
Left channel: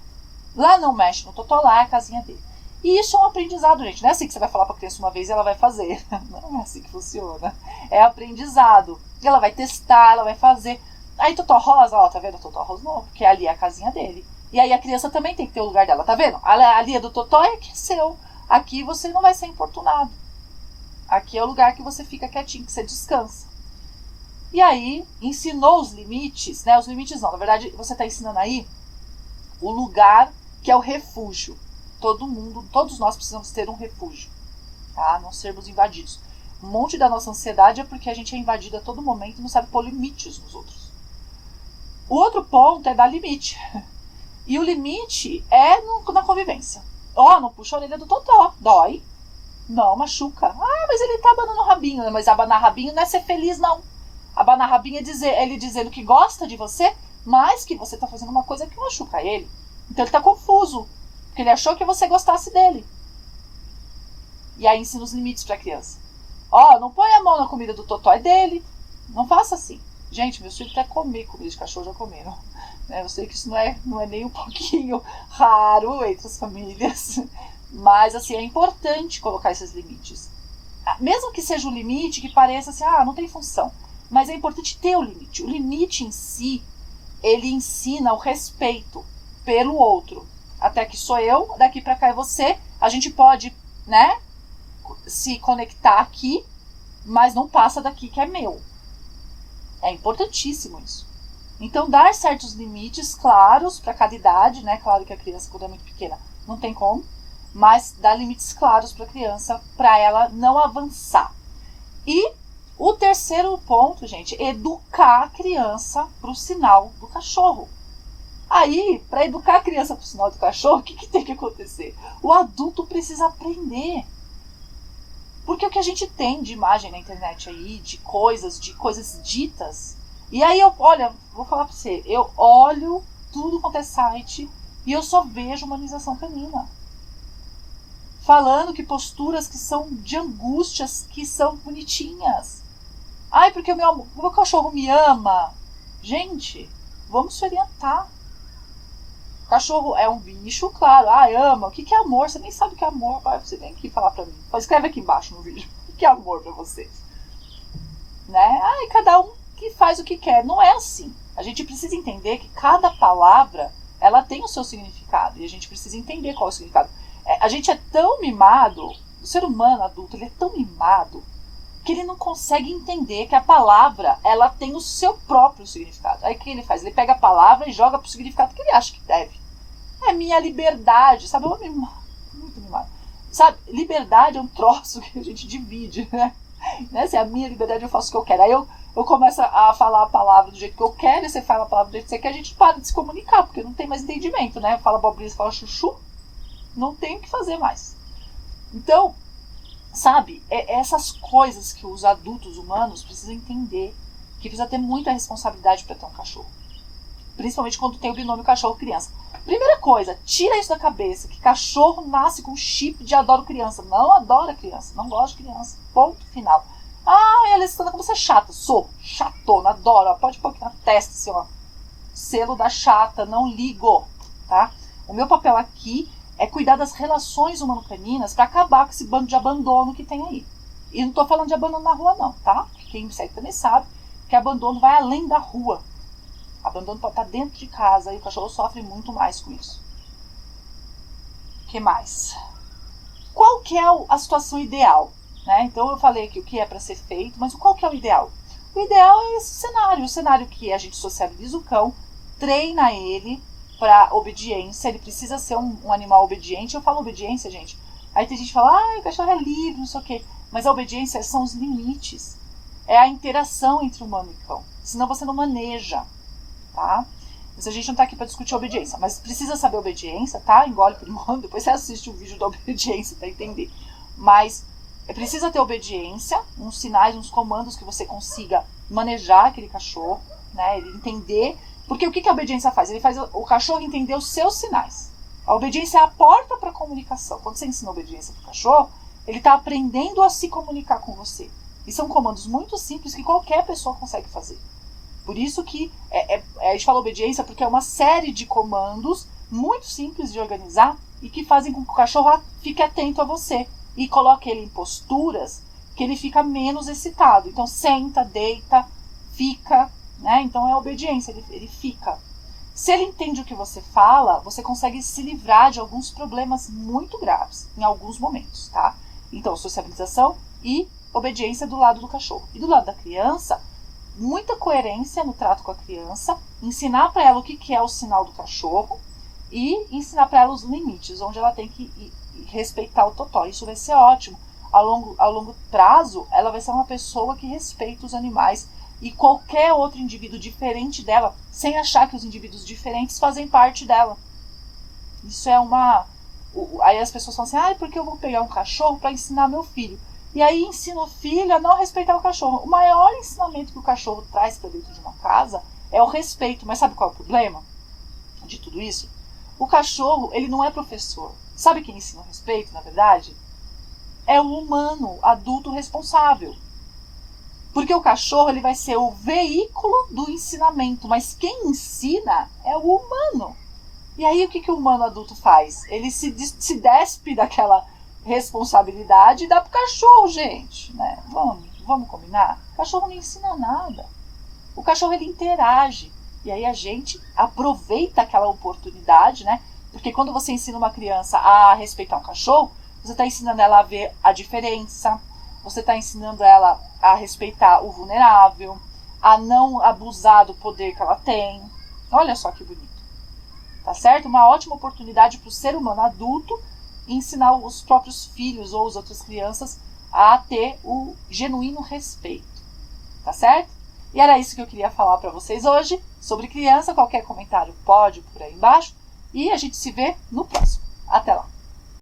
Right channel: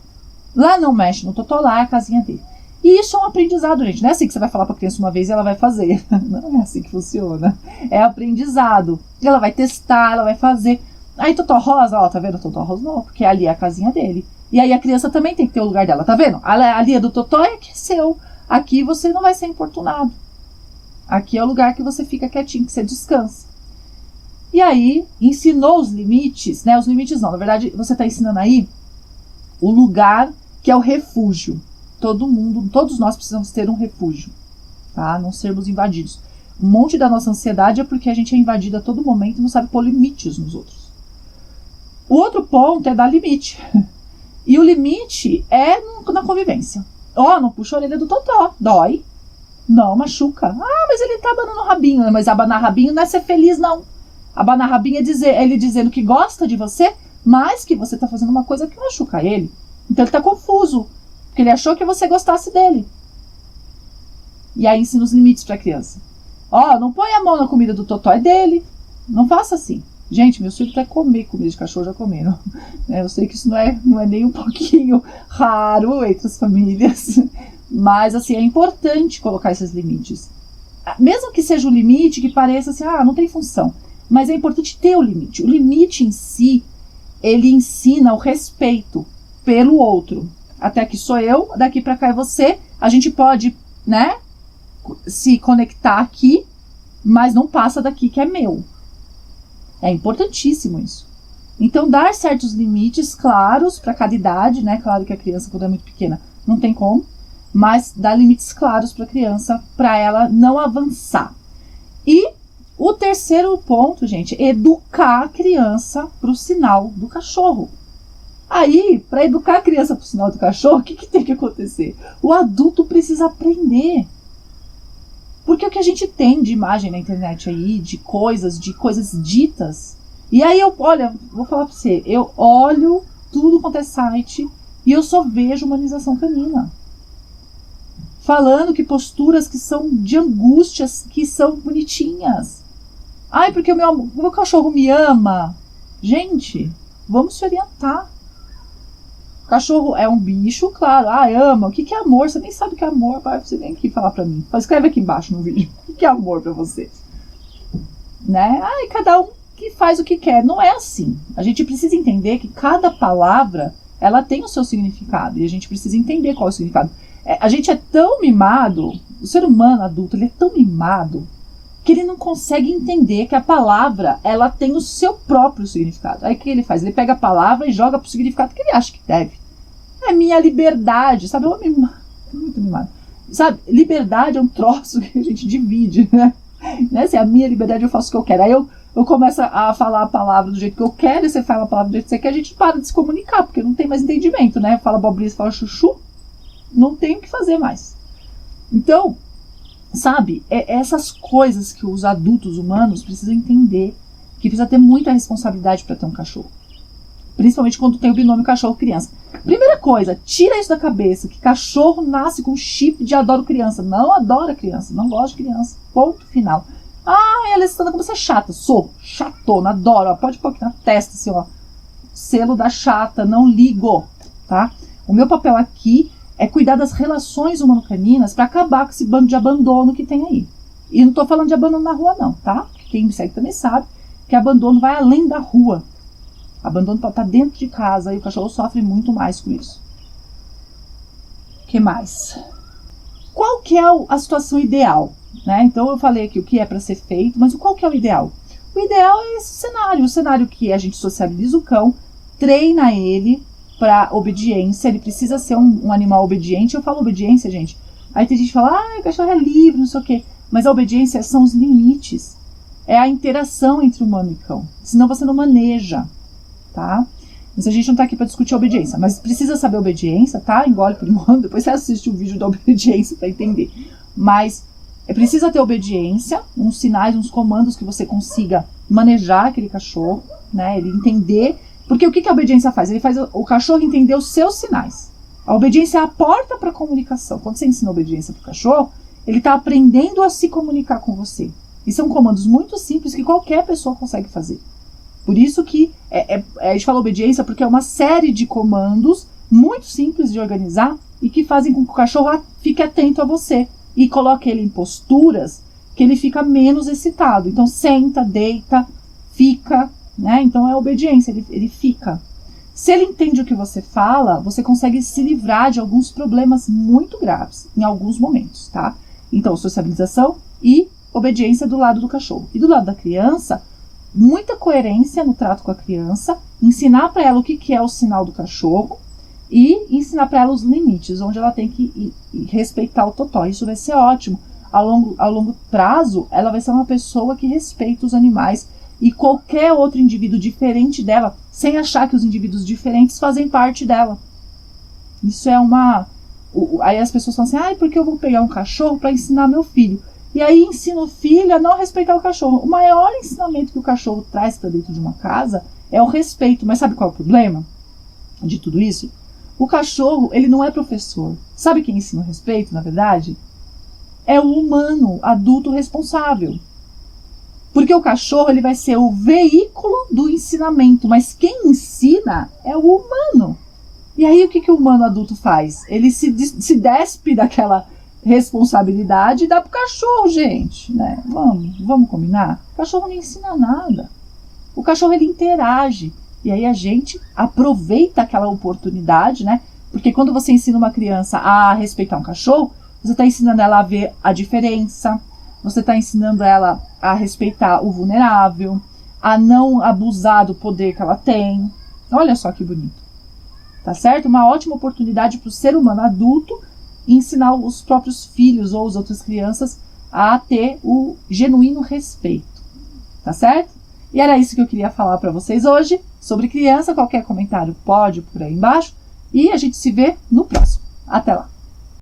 Lá não mexe no Totó, lá é a casinha dele. E isso é um aprendizado, gente. Não é assim que você vai falar para a criança uma vez e ela vai fazer. Não é assim que funciona. É aprendizado. Ela vai testar, ela vai fazer. Aí Totó rosa, tá vendo? Totó rosa não, porque ali é a casinha dele. E aí a criança também tem que ter o lugar dela, tá vendo? Ali é do Totó e aqui é seu. Aqui você não vai ser importunado. Aqui é o lugar que você fica quietinho, que você descansa. E aí, ensinou os limites, né? Os limites não, na verdade, você está ensinando aí o lugar que é o refúgio. Todos nós precisamos ter um refúgio, tá? Não sermos invadidos. Um monte da nossa ansiedade é porque a gente é invadido a todo momento e não sabe pôr limites nos outros. O outro ponto é dar limite. E o limite é na convivência. Não puxa a orelha do Totó, dói. Não, machuca. Mas ele tá abanando o rabinho. Mas abanar rabinho não é ser feliz, não. Abanar rabinho é ele dizendo que gosta de você, mas que você tá fazendo uma coisa que machuca ele. Então ele tá confuso, porque ele achou que você gostasse dele. E aí ensina os limites pra criança. Não põe a mão na comida do Totó, é dele. Não faça assim. Gente, meus filhos até comer comida de cachorro já comeram. Eu sei que isso não é nem um pouquinho raro entre as famílias. Mas, assim, é importante colocar esses limites. Mesmo que seja um limite que pareça assim, não tem função. Mas é importante ter o limite. O limite em si, ele ensina o respeito pelo outro. Até aqui sou eu, daqui pra cá é você. A gente pode, né, se conectar aqui mas não passa daqui que é meu. É importantíssimo isso. Então, dar certos limites claros para cada idade, né? Claro que a criança, quando é muito pequena, não tem como, mas dar limites claros para a criança, para ela não avançar. E o terceiro ponto, gente, é educar a criança para o sinal do cachorro. Aí, para educar a criança para o sinal do cachorro, o que tem que acontecer? O adulto precisa aprender. Porque o que a gente tem de imagem na internet aí, de coisas ditas. E aí vou falar para você, eu olho tudo quanto é site e eu só vejo humanização canina. Falando que posturas que são de angústias, que são bonitinhas. Ai, porque o meu cachorro me ama. Gente, vamos se orientar. O cachorro é um bicho, claro. Ama. O que é amor? Você nem sabe o que é amor. Você vem aqui falar pra mim. Escreve aqui embaixo no vídeo. O que é amor pra você? Né? Cada um que faz o que quer. Não é assim. A gente precisa entender que cada palavra, ela tem o seu significado. E a gente precisa entender qual é o significado. A gente é tão mimado, o ser humano adulto, ele é tão mimado, que ele não consegue entender que a palavra, ela tem o seu próprio significado. Aí o que ele faz? Ele pega a palavra e joga pro significado que ele acha que deve. É minha liberdade, sabe? Eu muito mimado. Sabe, liberdade é um troço que a gente divide, né? Se é a minha liberdade, eu faço o que eu quero. Aí eu começo a falar a palavra do jeito que eu quero, e você fala a palavra do jeito que você quer, a gente para de se comunicar, porque não tem mais entendimento, né? Fala abobrinha, fala chuchu, não tem o que fazer mais. Então, sabe, essas coisas que os adultos humanos precisam entender, que precisa ter muita responsabilidade para ter um cachorro. Principalmente quando tem o binômio cachorro-criança. Primeira coisa, tira isso da cabeça, que cachorro nasce com chip de adoro criança. Não adora criança, não gosta de criança. Ponto final. Ela está como você é chata. Sou chatona, adoro. Pode pôr aqui na testa, assim, ó. Selo da chata, não ligo, tá? O meu papel aqui é cuidar das relações humano-caninas para acabar com esse bando de abandono que tem aí. E não tô falando de abandono na rua não, tá? Quem me segue também sabe que abandono vai além da rua. Abandono pode estar dentro de casa e o cachorro sofre muito mais com isso. O que mais? Qual que é a situação ideal? Né? Então eu falei aqui o que é para ser feito, mas qual que é o ideal? O ideal é esse cenário. O cenário que a gente sociabiliza o cão, treina ele para obediência, ele precisa ser um animal obediente. Eu falo obediência, gente. Aí tem gente que fala, o cachorro é livre, não sei o quê. Mas a obediência são os limites. É a interação entre humano e cão. Senão você não maneja, tá? Mas a gente não tá aqui para discutir obediência. Mas precisa saber obediência, tá? Engole por enquanto. Depois você assiste o vídeo da obediência para entender. Mas precisa ter obediência, uns sinais, uns comandos que você consiga manejar aquele cachorro, né? Ele entender. Porque o que a obediência faz? Ele faz o cachorro entender os seus sinais. A obediência é a porta para a comunicação. Quando você ensina obediência para o cachorro, ele está aprendendo a se comunicar com você. E são comandos muito simples que qualquer pessoa consegue fazer. Por isso que a gente fala obediência porque é uma série de comandos muito simples de organizar e que fazem com que o cachorro fique atento a você e coloque ele em posturas que ele fica menos excitado. Então senta, deita, fica, né? Então é obediência, ele fica. Se ele entende o que você fala, você consegue se livrar de alguns problemas muito graves em alguns momentos, tá? Então sociabilização e obediência do lado do cachorro. E do lado da criança, muita coerência no trato com a criança, ensinar para ela o que é o sinal do cachorro e ensinar para ela os limites, onde ela tem que respeitar o totó. Isso vai ser ótimo. Ao longo prazo, ela vai ser uma pessoa que respeita os animais e qualquer outro indivíduo diferente dela, sem achar que os indivíduos diferentes fazem parte dela. Isso é uma... Aí as pessoas falam assim, porque eu vou pegar um cachorro para ensinar meu filho. E aí ensina o filho a não respeitar o cachorro. O maior ensinamento que o cachorro traz para dentro de uma casa é o respeito. Mas sabe qual é o problema de tudo isso? O cachorro, ele não é professor. Sabe quem ensina o respeito, na verdade? É o humano, adulto responsável. Porque o cachorro, ele vai ser o veículo do ensinamento, mas quem ensina é o humano. E aí o que o humano adulto faz? Ele se despe daquela responsabilidade e dá pro cachorro, gente, né? Vamos combinar? O cachorro não ensina nada. O cachorro, ele interage. E aí a gente aproveita aquela oportunidade, né? Porque quando você ensina uma criança a respeitar um cachorro, você está ensinando ela a ver a diferença, você está ensinando ela a respeitar o vulnerável, a não abusar do poder que ela tem. Olha só que bonito. Tá certo? Uma ótima oportunidade para o ser humano adulto ensinar os próprios filhos ou as outras crianças a ter o genuíno respeito. Tá certo? E era isso que eu queria falar para vocês hoje sobre criança. Qualquer comentário pode por aí embaixo. E a gente se vê no próximo. Até lá!